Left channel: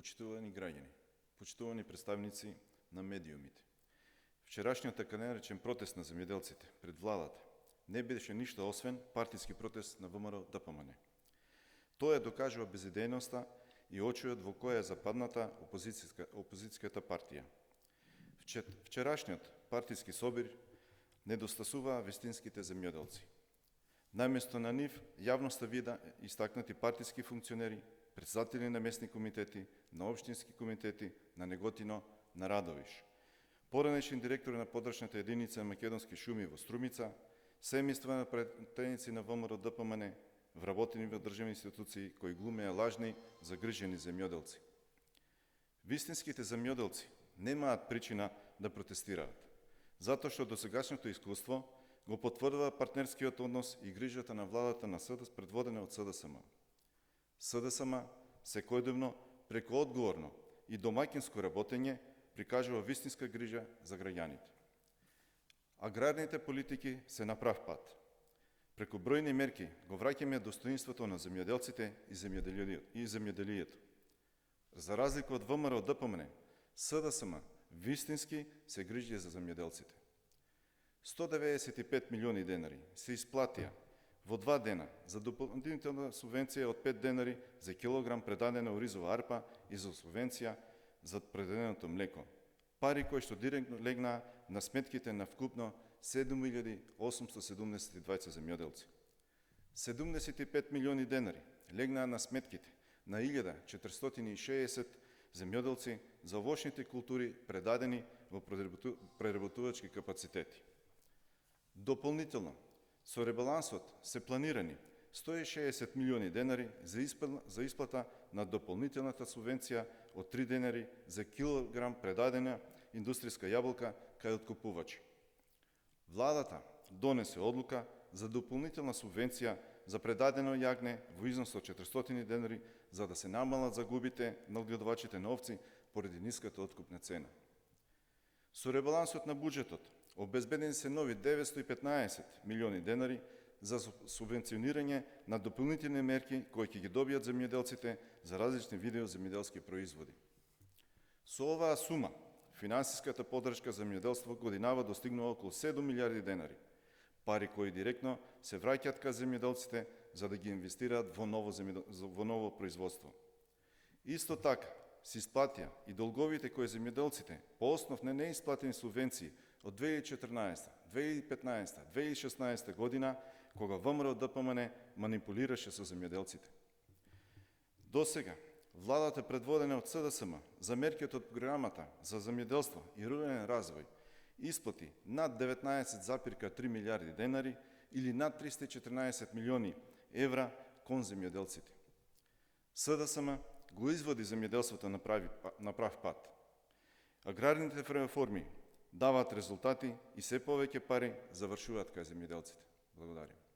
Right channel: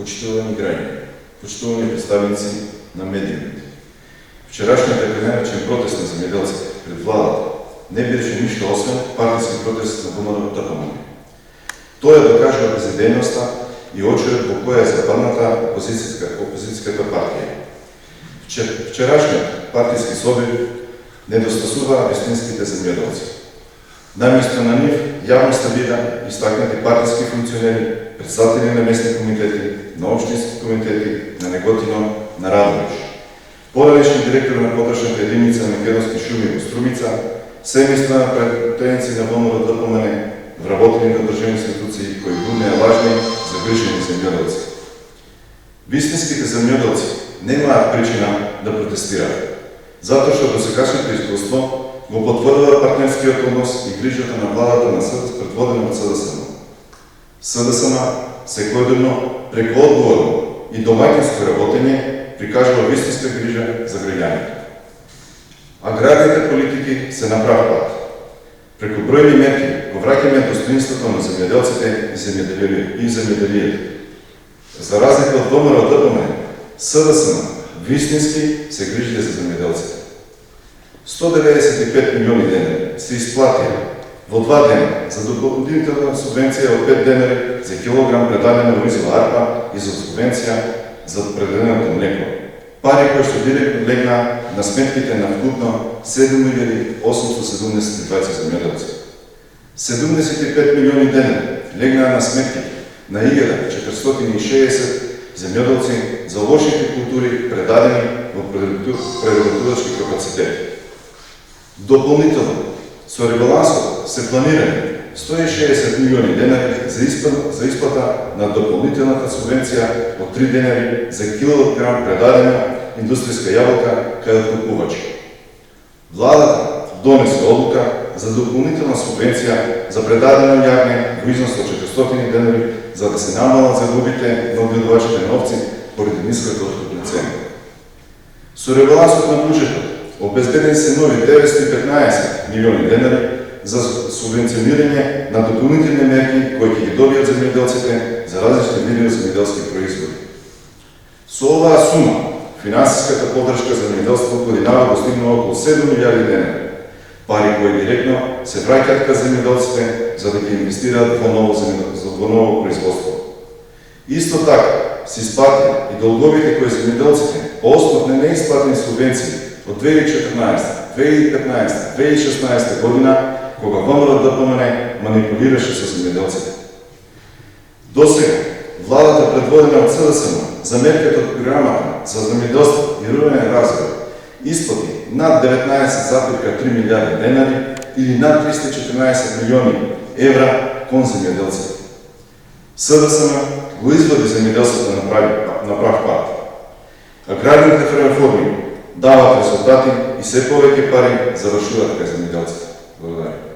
почитувани граѓани, почитувани представници на медиумите. Вчерашният така наречен протест на земјоделците пред владата не беше ништо освен партиски протест на ВМРО-ДПМНЕ. Тој ја докажува безидејноста и очеред во која е западната опозицијската партија. Вчерашниот партиски собир недостасува вистинските земјоделци. Наместо на нив јавно се вида истакнати партиски функционери, председатели на местни комитети, на општински комитети, на Неготино, на Радовиш. Поранешни директори на подршната единица на македонски шуми во Струмица, семејства на претеници на ВМРО-ДПМНЕ, вработени на државни институции кои буднеа важни загрижени земјоделци. Вистинските земјоделци немаат причина да протестираат, затоа што досегашното искуство го потврдува партнерскиот однос и грижата на владата на СДСМ предводена од СДСМ. СДСМ секојдневно преку одговорно и домаќинско работење прикажува вистинска грижа за граѓаните. Аграрните политики се на прав пат. Преку бројни мерки го враќаме достоинството на земјоделците и земјоделието. За разлика од ВМРО-ДПМНЕ, СДСМ вистински се грижи за земјоделците. 195 милиони денари се исплатија во 2 дена за дополнителна субвенција од 5 денари за килограм предадена оризова арпа и за субвенција за предаденото млеко. Пари кои што директно легна на сметките на вкупно 7.870 земјоделци. 75 милиони денари легна на сметките на 1460 земјоделци за овошните култури предадени во преработувачки капацитети. Дополнително, со ребалансот се планирани 160 милиони денари за исплата на дополнителната субвенција од 3 денари за килограм предадена индустријска јаболка кај откупувачи. Владата донесе одлука за дополнителна субвенција за предадено јагне во износ од 400 денари за да се намалат загубите на одгледувачите на овци поради ниската откупна цена. Со ребалансот на буџетот обезбедени се нови 915 милиони денари за субвенционирање на дополнителни мерки кои ќе ги добијат земјоделците за различни видови земјоделски производи. Со оваа сума, финансиската поддршка за земјоделството годинава достигнува околу 7 милиарди денари, пари кои директно се враќаат кај земјоделците за да ги инвестираат во ново производство. Исто така, се исплатија и долговите кои земјоделците по основ на неисплатени субвенции од 2014, 2015, 2016 година, кога ВМРО-ДПМНЕ манипулираше со земјоделците. Досега, владата предводена од СДСМ за мерките од програмата за земјоделство и рурален развој исплати над 19,3 милиарди денари или над 314 милиони евра кон земјоделците. СДСМ го изводи земјоделството на прав пат. Аграрните реформи дават резултати и се повеќе пари завршуваат кај земјоделците. Благодарам.